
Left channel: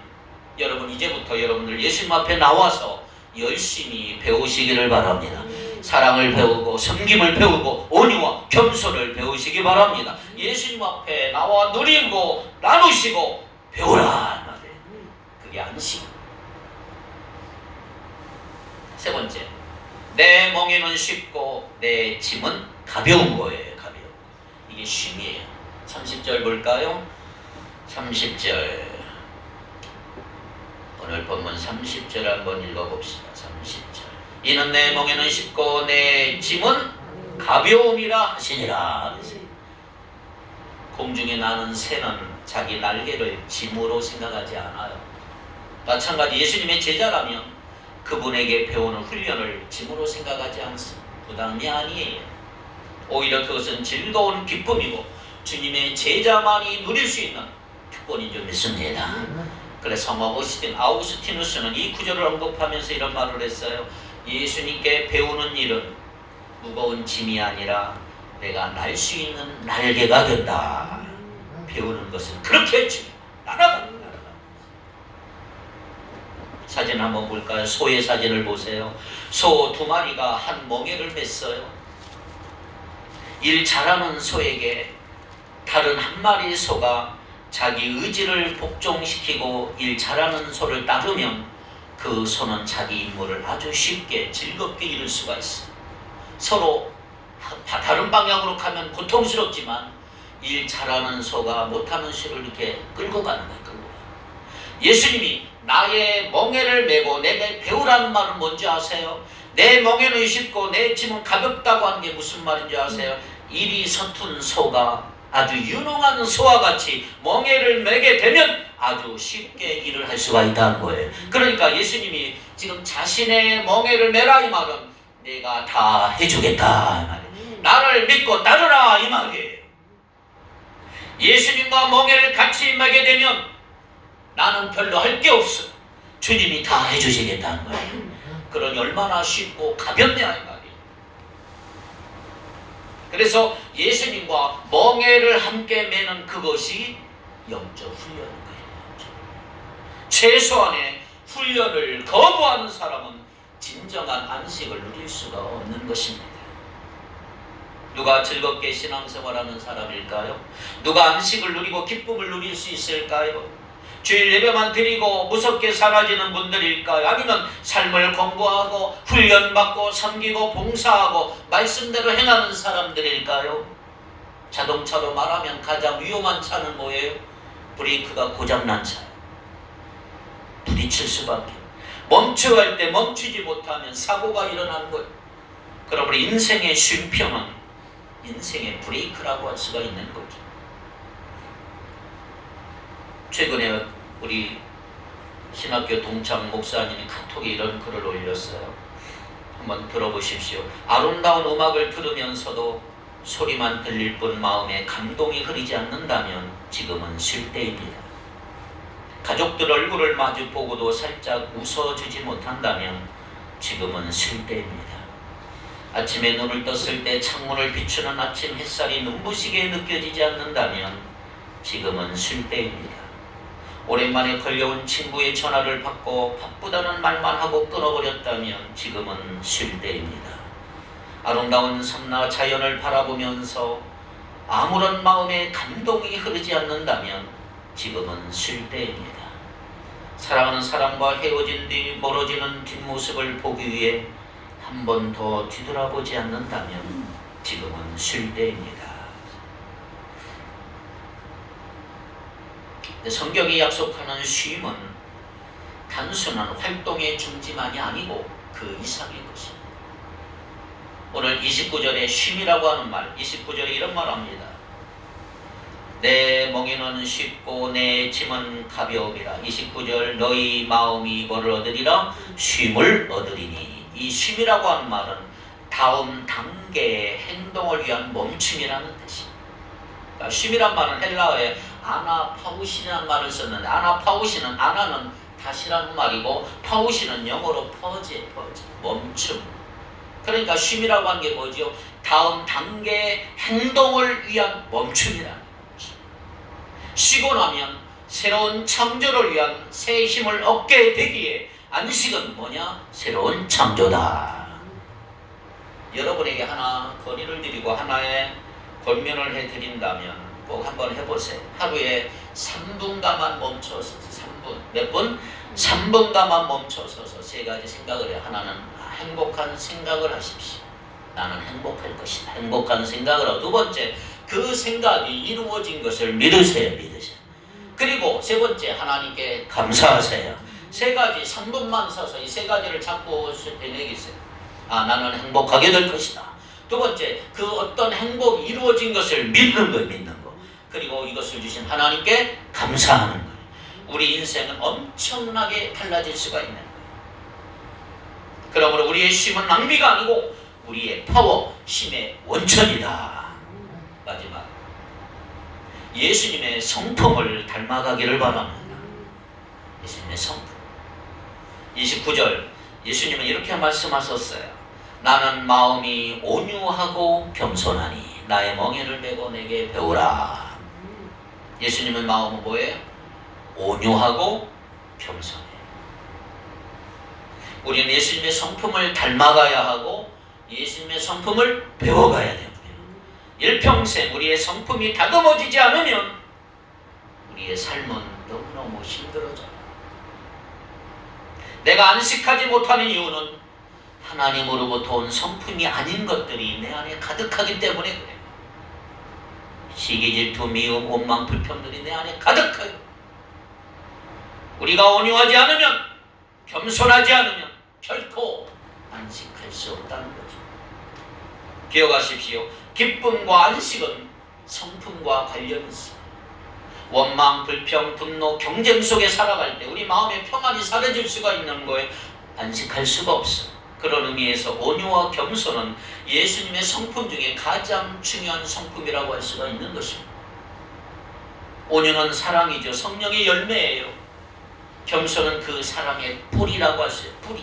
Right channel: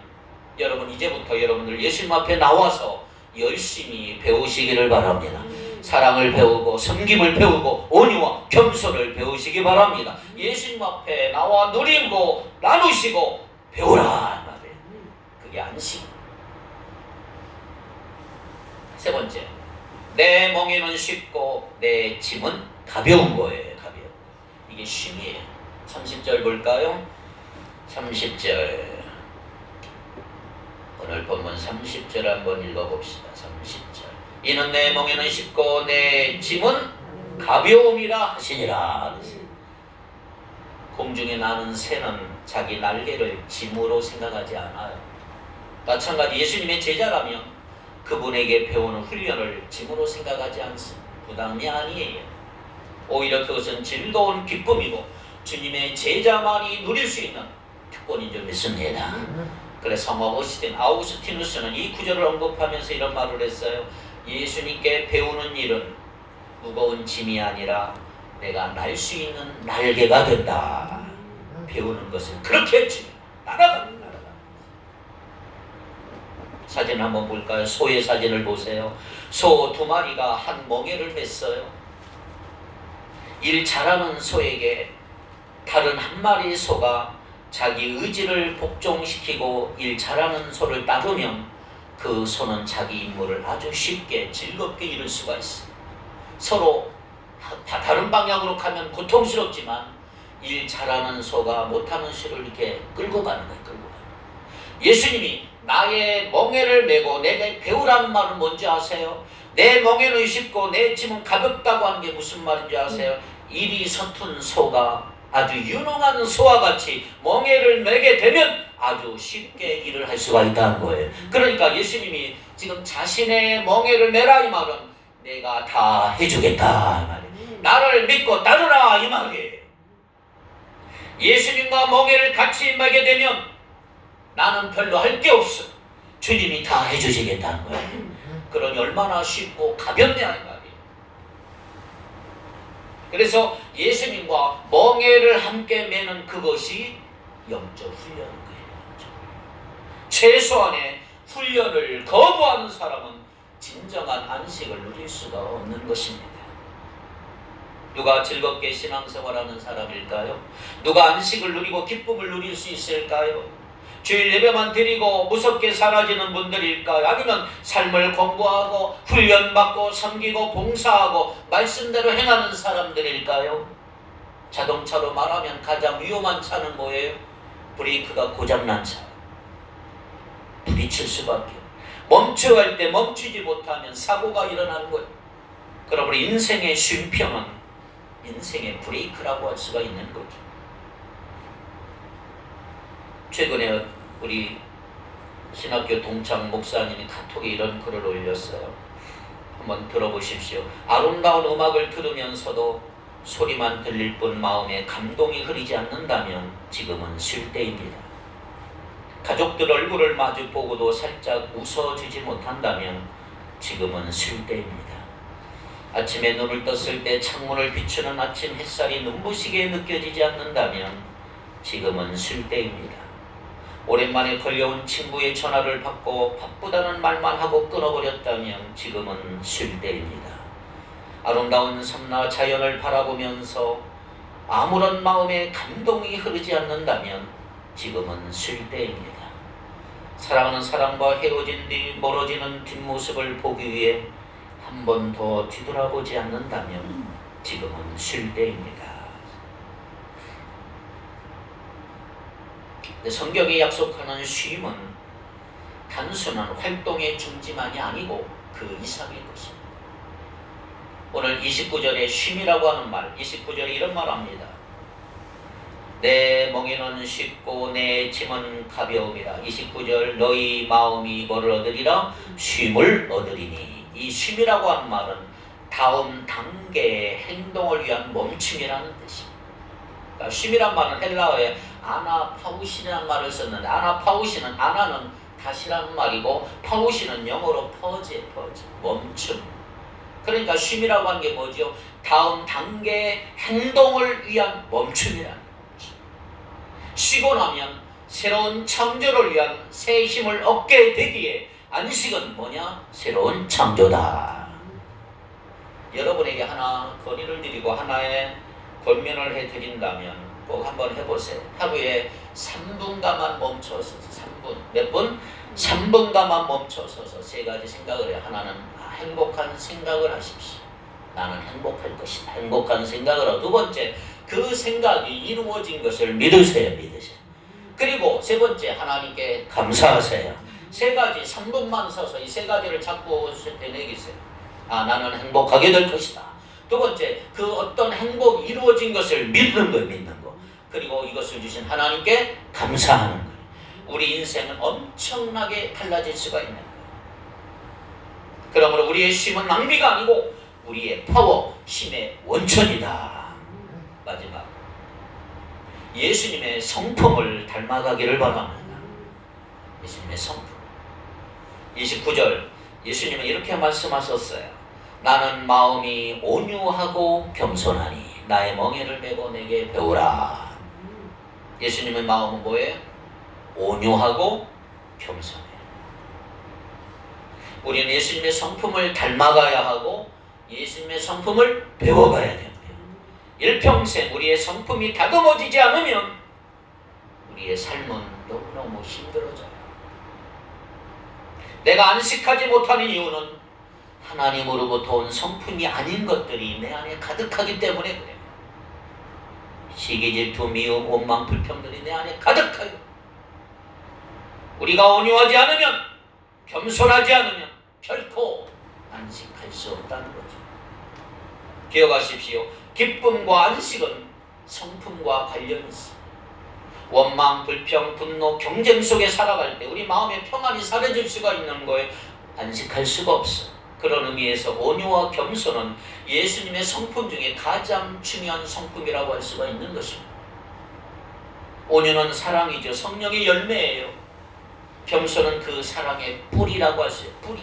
여러분 이제부터 여러분들 예수님 앞에 나와서 열심히 배우시기를 바랍니다. 사랑을 배우고 섬김을 배우고 온유와 겸손을 배우시기 바랍니다. 예수님 앞에 나와 누리고 나누시고 배우라 말이에요. 그게 안식. 세 번째, 내 멍에는 쉽고 내 짐은 가벼운 거예요. 가벼운. 이게 쉼이에요. 30절 볼까요? 30절. 오늘 본문 30절 한번 읽어봅시다. 30절. 이는 내 멍에는 쉽고 내 짐은 가벼움이라 하시니라. 공중에 나는 새는 자기 날개를 짐으로 생각하지 않아요. 마찬가지 예수님의 제자라면 그분에게 배우는 훈련을 짐으로 생각하지 않습니다. 부담이 아니에요. 오히려 그것은 즐거운 기쁨이고 주님의 제자만이 누릴 수 있는 특권인 줄 믿습니다. 그래서 성모 아우구스티누스는 이 구절을 언급하면서 이런 말을 했어요. 예수님께 배우는 일은 무거운 짐이 아니라 내가 날 수 있는 날개가 된다. 배우는 것은 그렇게 했지. 날아가. 사진 한번 볼까요? 소의 사진을 보세요. 소 2마리가 한 멍에를 맸어요. 일 잘하는 소에게 다른 한 마리의 소가 자기 의지를 복종시키고 일 잘하는 소를 따르면 그 소는 자기 임무를 아주 쉽게 즐겁게 이룰 수가 있습니다. 서로 다른 방향으로 가면 고통스럽지만 일 잘하는 소가 못하는 소를 이렇게 끌고 가는 거예요. 끌고 가요. 예수님이 나의 멍에를 메고 내게 배우라는 말은 뭔지 아세요? 내 멍에는 쉽고 내 짐은 가볍다고 하는 게 무슨 말인지 아세요? 일이 서툰 소가 아주 유능한 소와 같이 멍에를 메게 되면 아주 쉽게 일을 할 수가 있다는 거예요. 그러니까 예수님이 지금 자신의 멍에를 메라 이 말은 내가 다 해주겠다 이 말이에요. 나를 믿고 따르라 이 말이에요. 예수님과 멍에를 같이 메게 되면 나는 별로 할 게 없어. 주님이 다 해주시겠다는 거예요. 그러니 얼마나 쉽고 가볍냐 이 말이에요. 그래서 예수님과 멍에를 함께 매는 그것이 영적 훈련인 거죠. 최소한의 훈련을 거부하는 사람은 진정한 안식을 누릴 수가 없는 것입니다. 누가 즐겁게 신앙생활하는 사람일까요? 누가 안식을 누리고 기쁨을 누릴 수 있을까요? 주일 예배만 드리고 무섭게 사라지는 분들일까요? 아니면 삶을 공부하고 훈련받고 섬기고 봉사하고 말씀대로 행하는 사람들일까요? 자동차로 말하면 가장 위험한 차는 뭐예요? 브레이크가 고장난 차. 부딪힐 수밖에. 멈춰야 할 때 멈추지 못하면 사고가 일어나는 거예요. 그러므로 인생의 쉼표는 인생의 브레이크라고 할 수가 있는 거죠. 최근에 우리 신학교 동창 목사님이 카톡에 이런 글을 올렸어요. 한번 들어보십시오. 아름다운 음악을 들으면서도 소리만 들릴 뿐 마음에 감동이 흐르지 않는다면 지금은 쉴 때입니다. 가족들 얼굴을 마주 보고도 살짝 웃어주지 못한다면 지금은 쉴 때입니다. 아침에 눈을 떴을 때 창문을 비추는 아침 햇살이 눈부시게 느껴지지 않는다면 지금은 쉴 때입니다. 오랜만에 걸려온 친구의 전화를 받고 바쁘다는 말만 하고 끊어버렸다면 지금은 쉴 때입니다. 아름다운 섬나 자연을 바라보면서 아무런 마음에 감동이 흐르지 않는다면 지금은 쉴 때입니다. 사랑하는 사람과 헤어진 뒤 멀어지는 뒷모습을 보기 위해 한 번 더 뒤돌아보지 않는다면 지금은 쉴 때입니다. 성경이 약속하는 쉼은 단순한 활동의 중지만이 아니고 그 이상의 것입니다. 오늘 29절에 쉼이라고 하는 말, 29절에 이런 말을 합니다. 내 멍에는 쉽고 내 짐은 가벼움이라. 29절 너희 마음이 뭐를 얻으리라? 쉼을 얻으리니. 이 쉼이라고 하는 말은 다음 단계의 행동을 위한 멈춤이라는 뜻입니다. 그러니까 쉼이란 말은 헬라어에 아나파우시라는 말을 썼는데, 아나파우시는 아나는 다시라는 말이고 파우시는 영어로 퍼지 멈춤. 그러니까 쉼이라고 하는 게 뭐죠? 다음 단계의 행동을 위한 멈춤이라는 거죠. 쉬고 나면 새로운 창조를 위한 새 힘을 얻게 되기에 안식은 뭐냐? 새로운 창조다. 여러분에게 하나 건의를 드리고 하나의 권면을 해드린다면 꼭 한번 해보세요. 하루에 3분간만 멈춰서 3분, 몇 분? 3분간만 멈춰서서 세 가지 생각을 해요. 하나는 행복한 생각을 하십시오. 나는 행복할 것이다. 행복한 생각을 하고, 두 번째, 그 생각이 이루어진 것을 믿으세요. 그리고 세 번째, 하나님께 감사하세요. 세 가지, 3분만 서서 이 세 가지를 잡고 되뇌기세요. 나는 행복하게 될 것이다. 두 번째, 그 어떤 행복이 이루어진 것을 믿는 거예요. 믿는 거. 그리고 이것을 주신 하나님께 감사하는 거예요. 우리 인생은 엄청나게 달라질 수가 있는 거예요. 그러므로 우리의 쉼은 낭비가 아니고 우리의 파워, 쉼의 원천이다. 마지막, 예수님의 성품을 닮아가기를 바랍니다. 예수님의 성품. 29절 예수님은 이렇게 말씀하셨어요. 나는 마음이 온유하고 겸손하니 나의 멍에를 메고 내게 배우라. 예수님의 마음은 뭐예요? 온유하고 겸손해요. 우리는 예수님의 성품을 닮아가야 하고 예수님의 성품을 배워가야 됩니다. 일평생 우리의 성품이 다듬어지지 않으면 우리의 삶은 너무너무 힘들어져요. 내가 안식하지 못하는 이유는 하나님으로부터 온 성품이 아닌 것들이 내 안에 가득하기 때문에 그래요. 시기, 질투, 미움, 원망, 불평들이 내 안에 가득해요. 우리가 온유하지 않으면, 겸손하지 않으면 결코 안식할 수 없다는 거죠. 기억하십시오. 기쁨과 안식은 성품과 관련이 있습니다. 원망, 불평, 분노, 경쟁 속에 살아갈 때 우리 마음의 평안이 사라질 수가 있는 거예요. 안식할 수가 없어요. 그런 의미에서 온유와 겸손은 예수님의 성품 중에 가장 중요한 성품이라고 할 수가 있는 것입니다. 온유는 사랑이죠. 성령의 열매예요. 겸손은 그 사랑의 뿌리라고 할 수 있어요. 뿌리.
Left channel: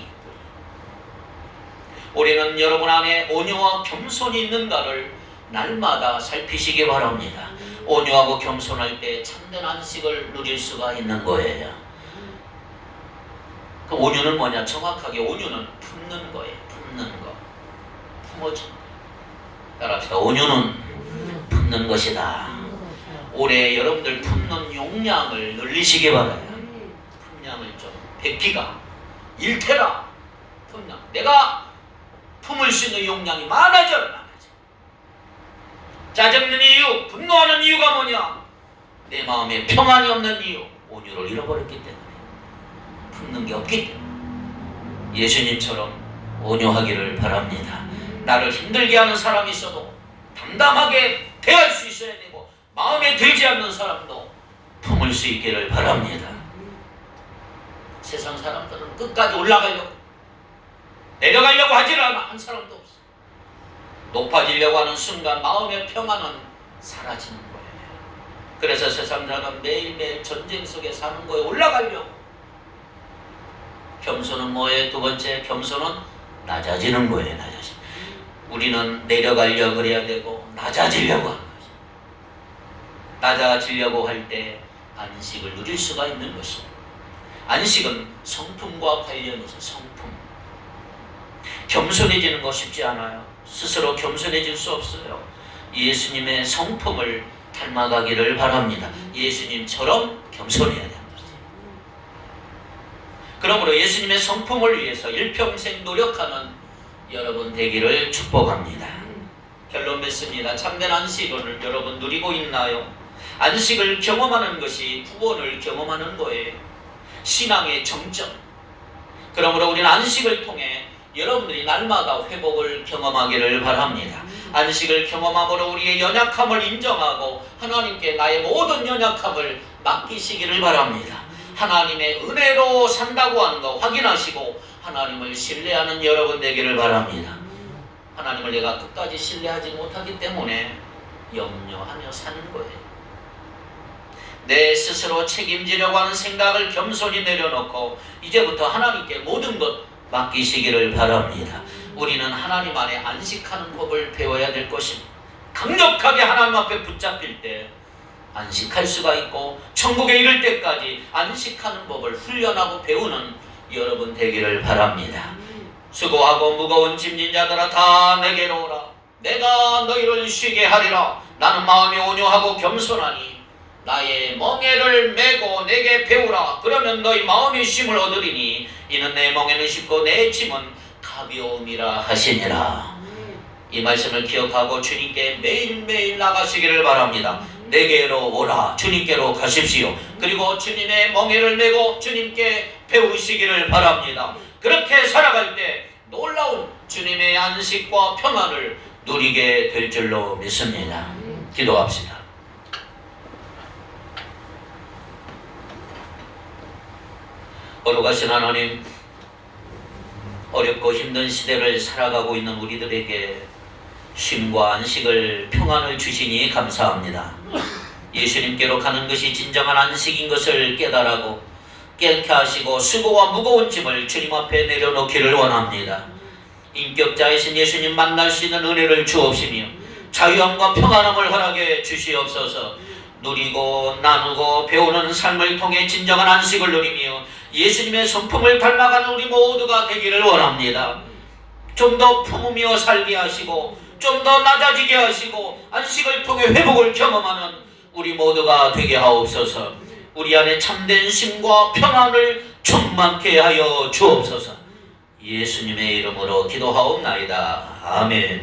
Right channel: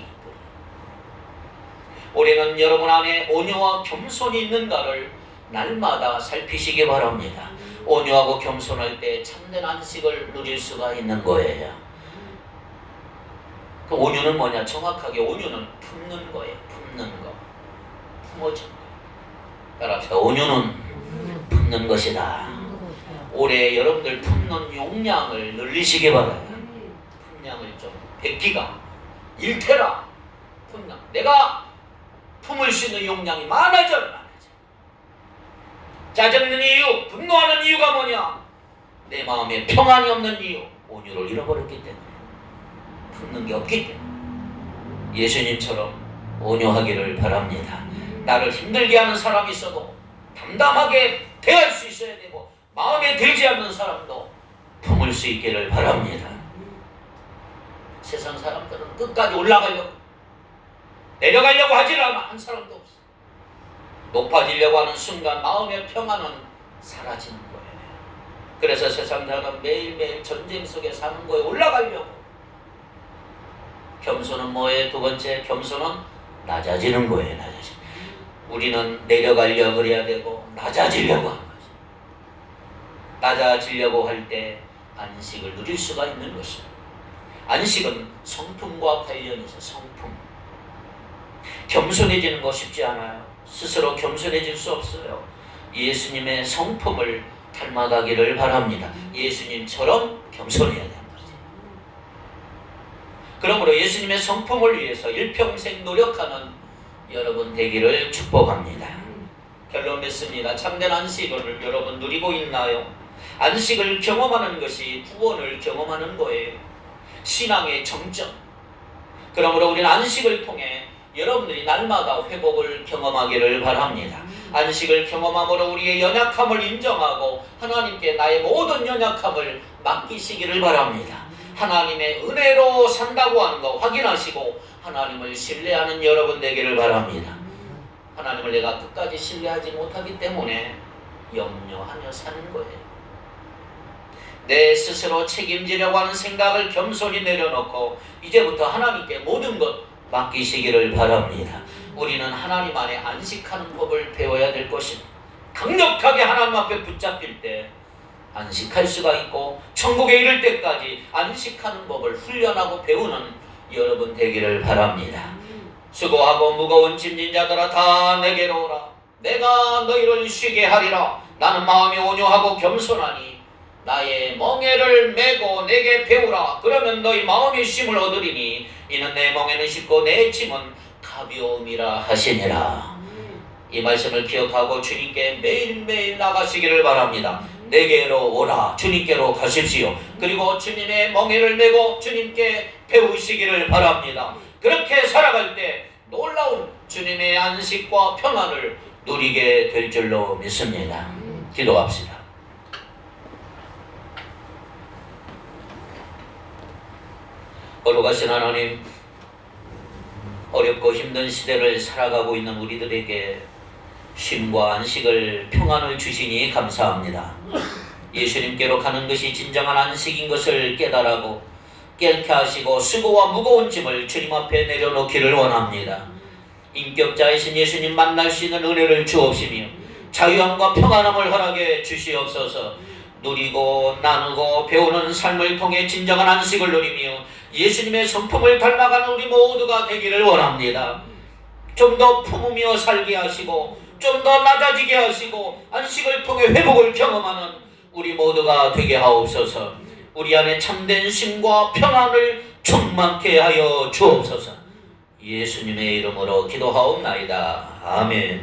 우리는 여러분 안에 온유와 겸손이 있는가를 날마다 살피시기 바랍니다. 온유하고 겸손할 때 참된 안식을 누릴 수가 있는 거예요. 그 온유는 뭐냐? 정확하게 온유는 품는 거예요. 품는 거. 품어줘. 따라합시다. 온유는 품는 것이다. 올해 여러분들 품는 용량을 늘리시기 바라요. 품량을 좀 베끼가 일테라 품량. 내가 품을 수 있는 용량이 많아져라. 짜증내는 이유, 분노하는 이유가 뭐냐? 내 마음에 평안이 없는 이유, 온유를 잃어버렸기 때문에, 품는 게 없기 때문에. 예수님처럼 온유하기를 바랍니다. 나를 힘들게 하는 사람이 있어도 담담하게 대할 수 있어야 되고, 마음에 들지 않는 사람도 품을 수 있기를 바랍니다. 세상 사람들은 끝까지 올라가려고, 내려가려고 하질 않아. 한 사람도 없어. 높아지려고 하는 순간 마음의 평안은 사라지는 거예요. 그래서 세상 사람은 매일매일 전쟁 속에 사는 거에 올라가려고. 겸손은 뭐예요? 두 번째, 겸손은 낮아지는 거예요. 낮아지. 우리는 내려가려고 그래야 되고 낮아지려고 하는 거죠. 낮아지려고 할 때 안식을 누릴 수가 있는 것입니다. 안식은 성품과 관련이 있어요. 성품. 겸손해지는 거 쉽지 않아요. 스스로 겸손해질 수 없어요. 예수님의 성품을 닮아가기를 바랍니다. 예수님처럼 겸손해야 됩니다. 그러므로 예수님의 성품을 위해서 일평생 노력하는 여러분 되기를 축복합니다. 결론 맺습니다. 참된 안식을 여러분 누리고 있나요? 안식을 경험하는 것이 구원을 경험하는 거예요. 신앙의 정점. 그러므로 우리는 안식을 통해 여러분들이 날마다 회복을 경험하기를 바랍니다. 안식을 경험함으로 우리의 연약함을 인정하고 하나님께 나의 모든 연약함을 맡기시기를 바랍니다. 하나님의 은혜로 산다고 하는 거 확인하시고 하나님을 신뢰하는 여러분 되기를 바랍니다. 하나님을 내가 끝까지 신뢰하지 못하기 때문에 염려하며 사는 거예요. 내 스스로 책임지려고 하는 생각을 겸손히 내려놓고 이제부터 하나님께 모든 것 맡기시기를 바랍니다. 우리는 하나님 안에 안식하는 법을 배워야 될 것입니다. 강력하게 하나님 앞에 붙잡힐 때 안식할 수가 있고 천국에 이를 때까지 안식하는 법을 훈련하고 배우는 여러분 되기를 바랍니다. 수고하고 무거운 짐진 자들아 다 내게로 오라. 내가 너희를 쉬게 하리라. 나는 마음이 온유하고 겸손하니 나의 멍에를 메고 내게 배우라. 그러면 너희 마음이 쉼을 얻으리니 이는 내 멍에는 쉽고 내 짐은 가벼움이라 하시니라. 이 말씀을 기억하고 주님께 매일매일 나가시기를 바랍니다. 내게로 오라. 주님께로 가십시오. 그리고 주님의 멍에를 메고 주님께 배우시기를 바랍니다. 그렇게 살아갈 때 놀라운 주님의 안식과 평안을 누리게 될 줄로 믿습니다. 기도합시다. 거룩하신 하나님, 어렵고 힘든 시대를 살아가고 있는 우리들에게 쉼과 안식을, 평안을 주시니 감사합니다. 예수님께로 가는 것이 진정한 안식인 것을 깨달아고 깨닫게 하시고 수고와 무거운 짐을 주님 앞에 내려놓기를 원합니다. 인격자이신 예수님 만날 수 있는 은혜를 주옵시며 자유함과 평안함을 허락해 주시옵소서. 누리고 나누고 배우는 삶을 통해 진정한 안식을 누리며 예수님의 성품을 닮아가는 우리 모두가 되기를 원합니다. 좀 더 품으며 살게 하시고 좀 더 낮아지게 하시고 안식을 통해 회복을 경험하는 우리 모두가 되게 하옵소서. 우리 안에 참된 쉼과 평안을 충만케 하여 주옵소서. 예수님의 이름으로 기도하옵나이다. 아멘.